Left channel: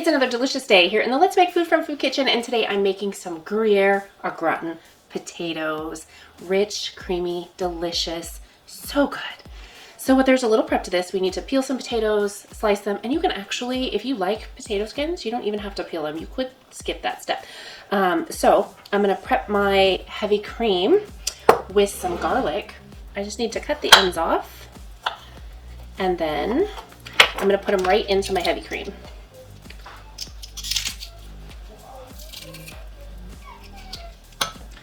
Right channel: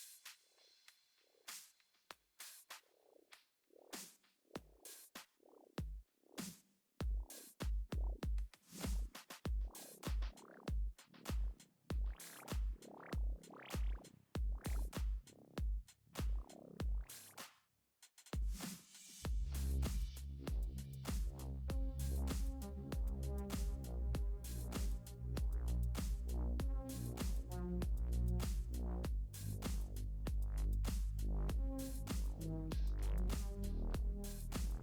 It's another delicious day here in the Let's Make Food from Food Kitchen, and today I'm making some Gruyere or gratin potatoes. Rich, creamy, delicious, so good. So there's a little prep to this. We need to peel some potatoes, slice them, and you can actually, if you like potato skins, you don't even have to peel them. You could skip that step. So I'm gonna prep my heavy cream with some garlic. I just need to cut the ends off, and then I'm gonna put them right into my heavy cream.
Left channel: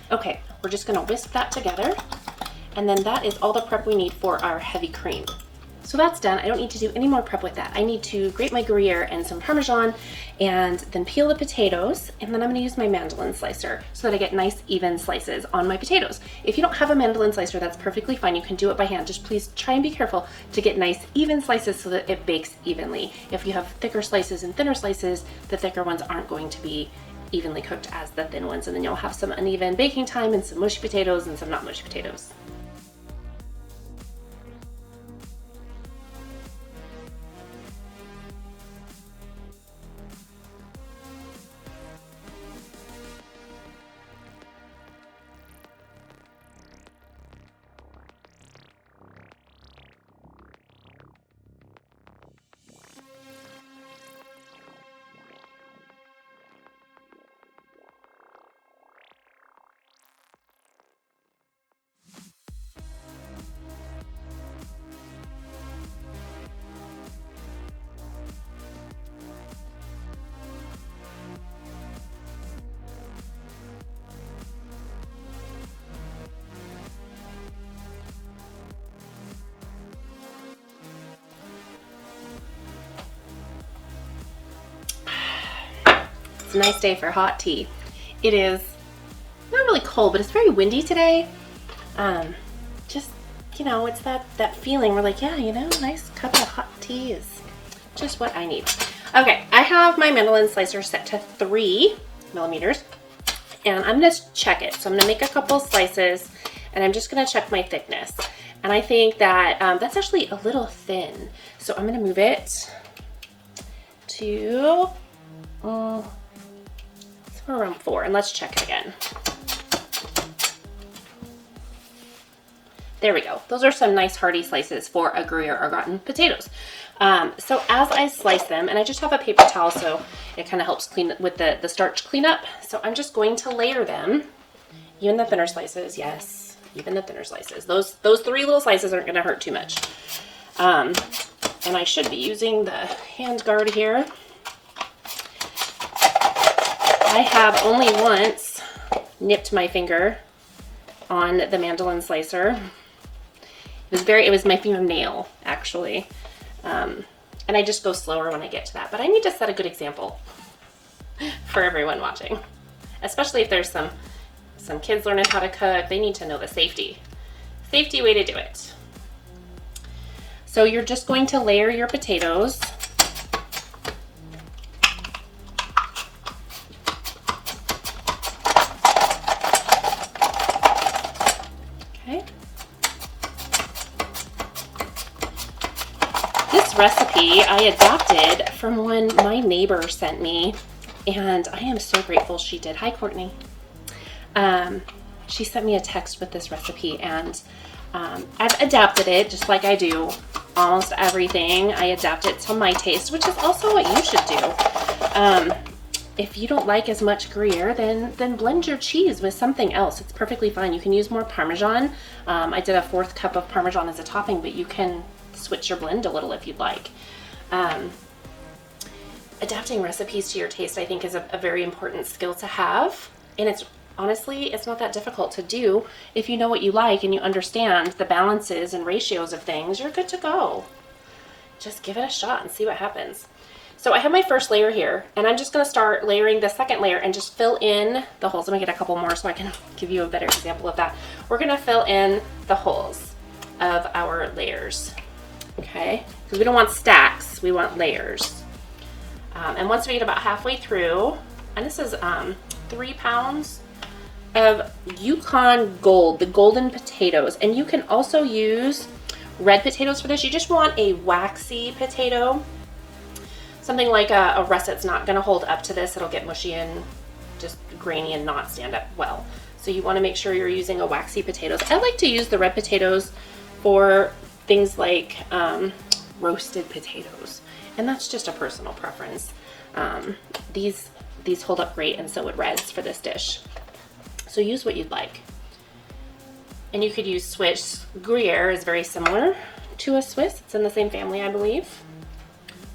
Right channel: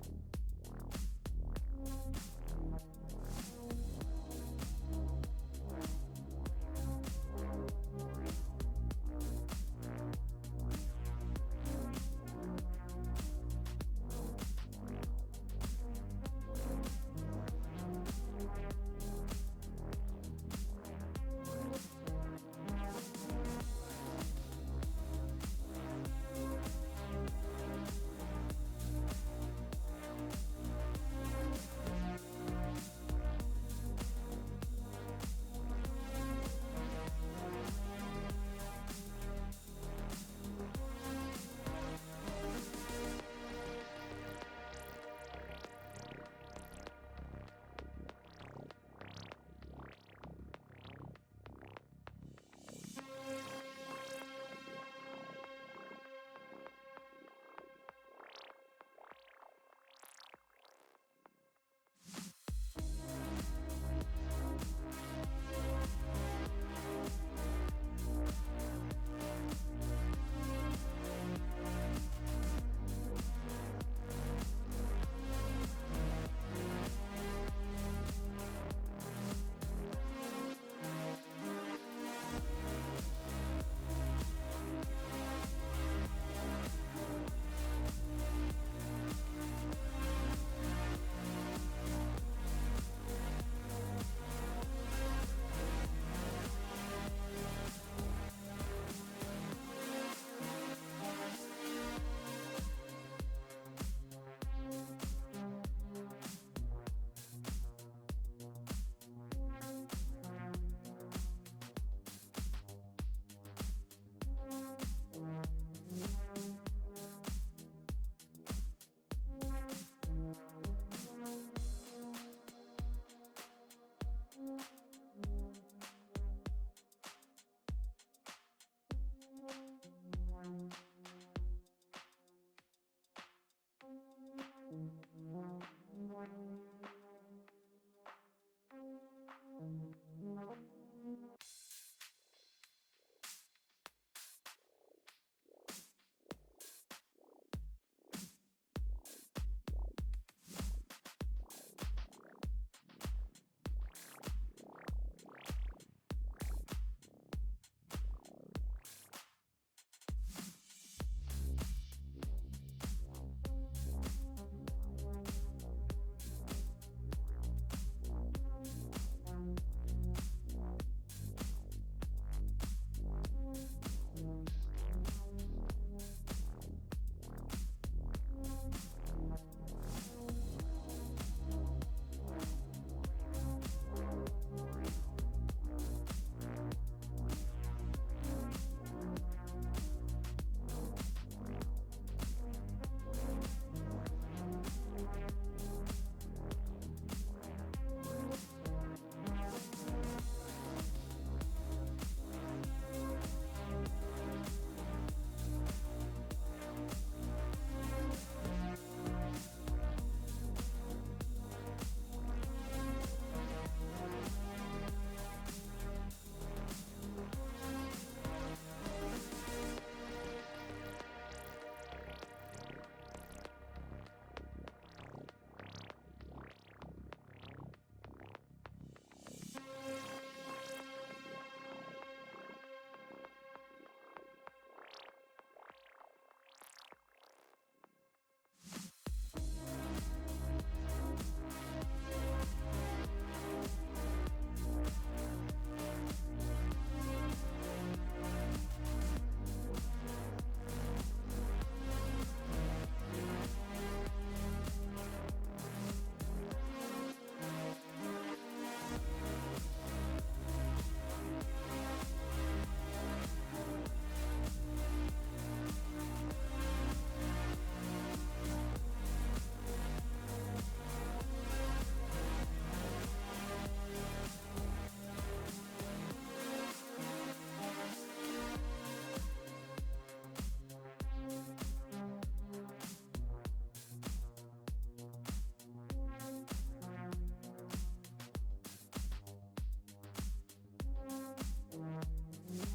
Okay, we're just gonna whisk that together, and then that is all the prep we need for our heavy cream. So that's done. I don't need to do any more prep with that. I need to grate my Gruyere and some Parmesan, and then peel the potatoes, and then I'm gonna use my Mandolin slicer so that I get nice even slices on my potatoes. If you don't have a Mandolin slicer, that's perfectly fine. You can do it by hand. Just please try and be careful to get nice even slices so that it bakes evenly. If you have thicker slices and thinner slices, the thicker ones aren't going to be evenly cooked as the thin ones, and then you'll have some uneven baking time and some mushy potatoes and some not mushy potatoes. It's a nice day for hot tea. It is not really cold, but it's very windy today. Just, you know, it's that feeling. We're like, yeah, you know, nice cup of hot tea is just what I need. Okay, I have my Mandolin slicer set to 3 millimeters, and I'm gonna check it. So I'm gonna make a couple slices, and I'm just gonna check my thickness. And I think that that's actually a little thin. So I'm gonna move it to around 4, and let's check it again. There we go. Those are some nice hearty slices for a Gruyere or gratin potatoes. So as I slice them, and I just have a paper towel so it kind of helps clean with the starch cleanup. So I'm just going to layer them, even the thinner slices. Yes, even the thinner slices. Those 3 little slices aren't going to hurt too much. And I should be using the hand guard here. I have only once nipped my finger on the Mandolin slicer. It was my fingernail, actually. And I just go slower when I get to that. But I need to set a good example for everyone watching. Especially if there's some kids learning how to cook, they need to know the safety way to do it. So you're just going to layer your potatoes. This recipe I adapted from one my neighbor sent me, and I am so grateful she did. Hi, Courtney. She sent me a text with this recipe, and I've adapted it just like I do almost everything. I adapt it to my taste, which is also what you should do. If you don't like as much Gruyere, then blend your cheese with something else. It's perfectly fine. You can use more Parmesan. I did a 4th cup of Parmesan as a topping, but you can switch your blend a little if you'd like. Adapting recipes to your taste, I think, is a very important skill to have, and honestly, it's not that difficult to do. If you know what you like and you understand the balances and ratios of things, you're good to go. Just give it a shot and see what happens. So I have my first layer here, and I'm just gonna start layering the second layer and just fill in the holes. I'm gonna get a couple more so I can give you a better example of that. We're gonna fill in the holes of our layers, okay? Because we don't want stacks, we want layers. And once we get about halfway through, and this is 3 pounds of Yukon Gold, the golden potatoes. And you can also use red potatoes for this. You just want a waxy potato. Something like a russet's not gonna hold up to this. It'll get mushy and just grainy and not stand up well. So you wanna make sure you're using a waxy potatoes. I like to use the red potatoes for things like roasted potatoes. And that's just a personal preference. These hold up great, and so would reds for this dish. So use what you'd like. And you could use Swiss. Gruyere is very similar to a Swiss. It's in the same family, I believe.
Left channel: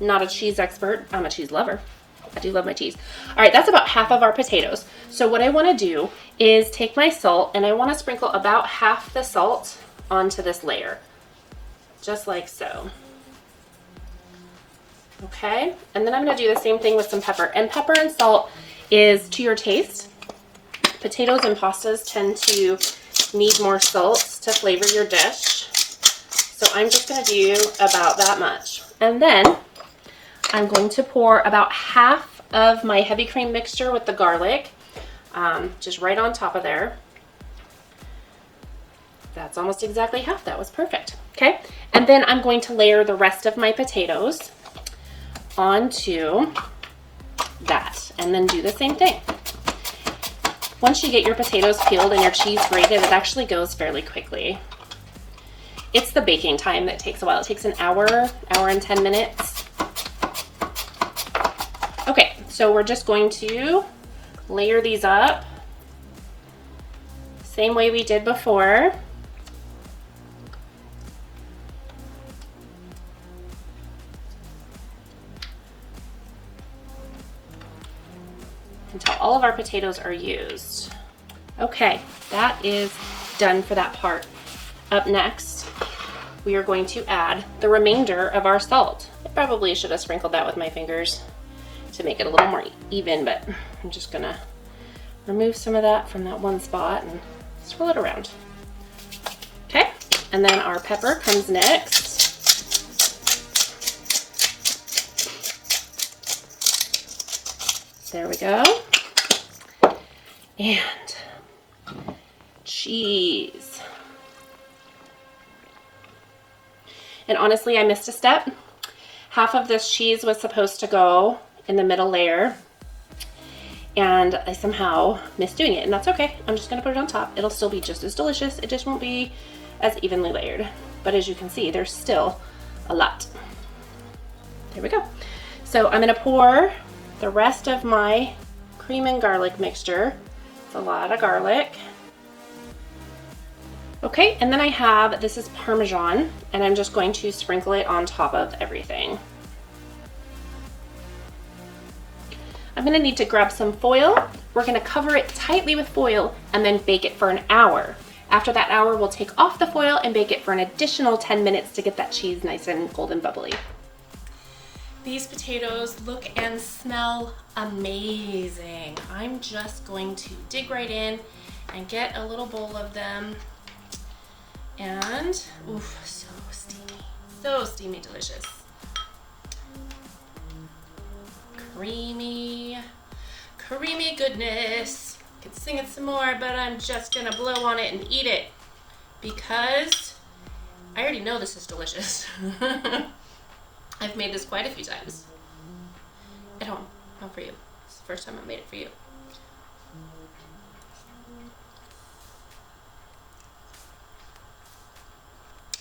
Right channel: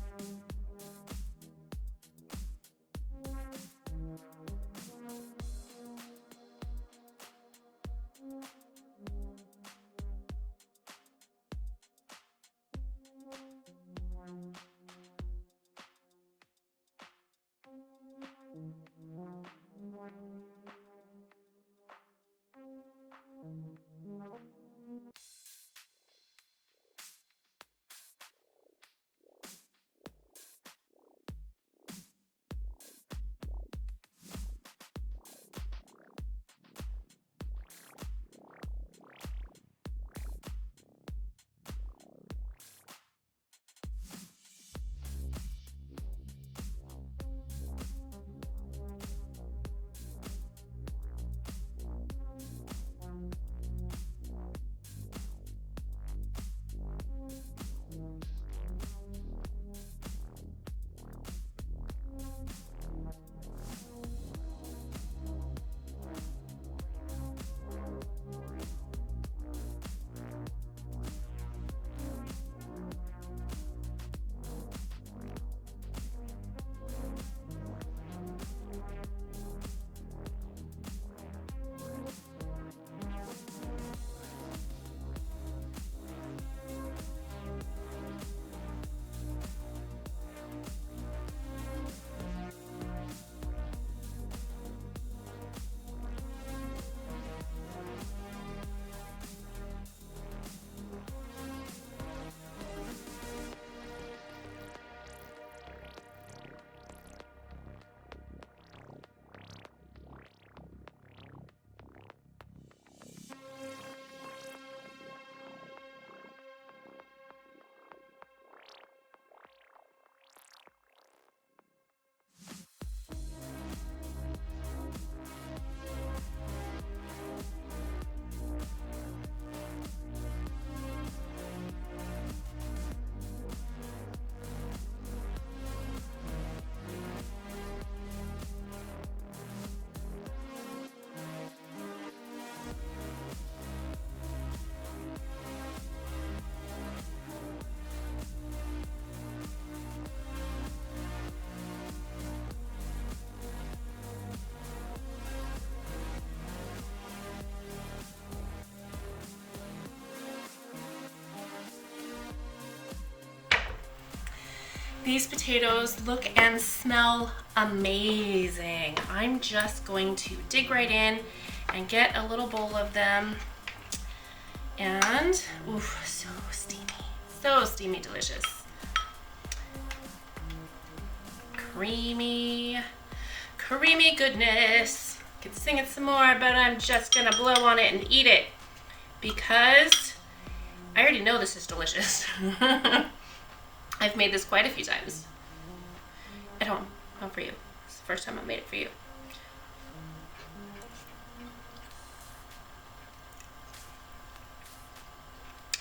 Not a cheese expert. I'm a cheese lover. I do love my cheese. All right, that's about half of our potatoes. So what I want to do is take my salt, and I want to sprinkle about half the salt onto this layer. Just like so. Okay, and then I'm gonna do the same thing with some pepper. And pepper and salt is to your taste. Potatoes and pastas tend to need more salt to flavor your dish. So I'm just gonna do about that much. And then I'm going to pour about half of my heavy cream mixture with the garlic, just right on top of there. That's almost exactly half. That was perfect. Okay, and then I'm going to layer the rest of my potatoes onto that, and then do the same thing. Once you get your potatoes peeled and your cheese grated, it actually goes fairly quickly. It's the baking time that takes a while. It takes an hour and 10 minutes. Okay, so we're just going to layer these up same way we did before. Until all of our potatoes are used. Okay, that is done for that part. Up next, we are going to add the remainder of our salt. I probably should have sprinkled that with my fingers to make it a little more even, but I'm just gonna remove some of that from that one spot and swirl it around. Okay, and then our pepper comes next. There we go. And cheese. And honestly, I missed a step. Half of this cheese was supposed to go in the middle layer, and I somehow missed doing it, and that's okay. I'm just gonna put it on top. It'll still be just as delicious. It just won't be as evenly layered. But as you can see, there's still a lot. There we go. So I'm gonna pour the rest of my cream and garlic mixture. It's a lot of garlic. Okay, and then I have, this is Parmesan, and I'm just going to sprinkle it on top of everything. I'm gonna need to grab some foil. We're gonna cover it tightly with foil and then bake it for an hour. After that hour, we'll take off the foil and bake it for an additional 10 minutes to get that cheese nice and golden bubbly. These potatoes look and smell amazing. I'm just going to dig right in and get a little bowl of them. And, oof, so steamy, delicious. Creamy goodness. Could sing it some more, but I'm just gonna blow on it and eat it because I already know this is delicious. I've made this quite a few times at home, not for you. It's the first time I made it for you.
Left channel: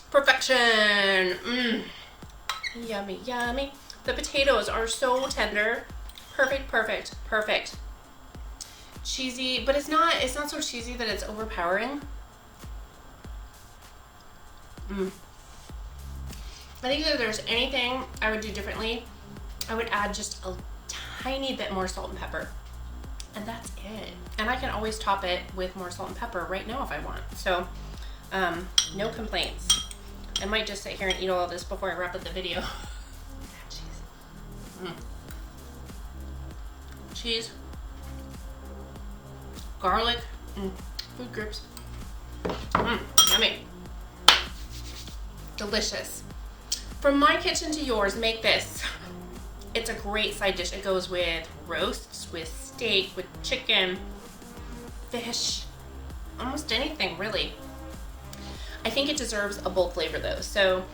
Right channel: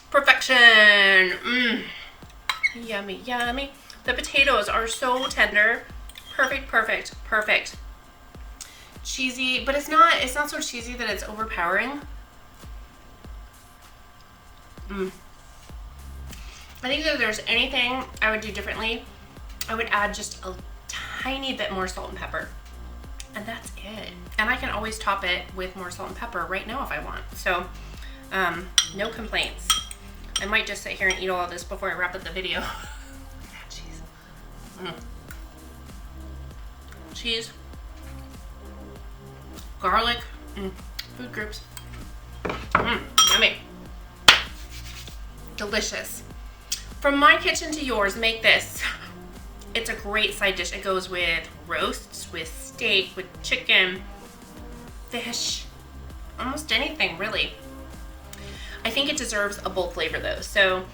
Perfection. Yummy, yummy. The potatoes are so tender. Perfect. Cheesy, but it's not so cheesy that it's overpowering. I think that if there's anything I would do differently, I would add just a tiny bit more salt and pepper. And that's it. And I can always top it with more salt and pepper right now if I want. So, no complaints. I might just sit here and eat all of this before I wrap up the video. Cheese, garlic, food groups, yummy, delicious. From my kitchen to yours, make this. It's a great side dish. It goes with roasts, with steak, with chicken, fish, almost anything really. I think it deserves a bold flavor though. So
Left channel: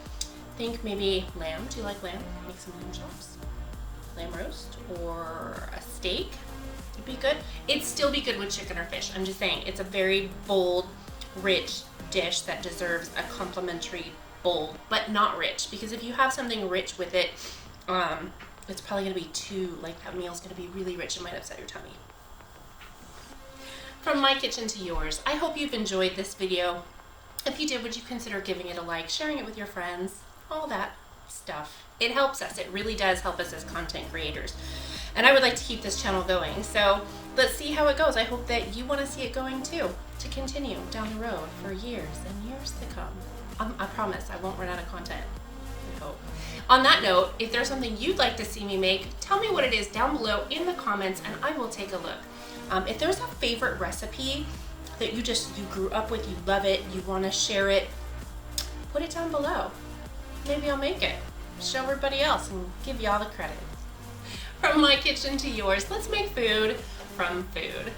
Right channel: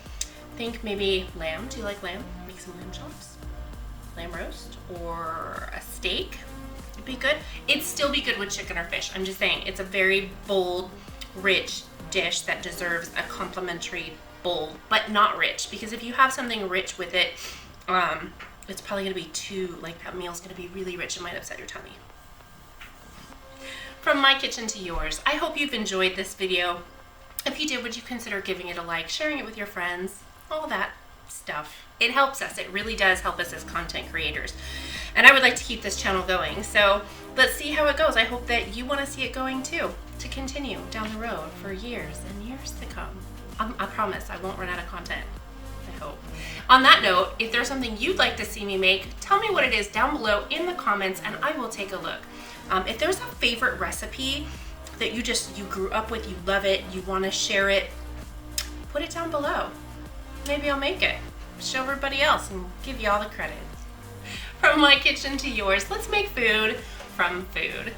think maybe lamb. Do you like lamb? Make some lamb chops. lamb roast or a steak. It'd be good. It'd still be good with chicken or fish. I'm just saying, it's a very bold, rich dish that deserves a complimentary bowl, but not rich, because if you have something rich with it, it's probably gonna be too, like, that meal's gonna be really rich and might upset your tummy. From my kitchen to yours, I hope you've enjoyed this video. If you did, would you consider giving it a like, sharing it with your friends, all that stuff. It helps us. It really does help us as content creators. And I would like to keep this channel going. So let's see how it goes. I hope that you want to see it going too, to continue down the road for years and years to come. I promise I won't run out of content. I hope. On that note, if there's something you'd like to see me make, tell me what it is down below in the comments and I will take a look. If there's a favorite recipe that you grew up with, you love it, you want to share it, put it down below. Maybe I'll make it, show everybody else, and give you all the credit. From my kitchen to yours, let's make food from food.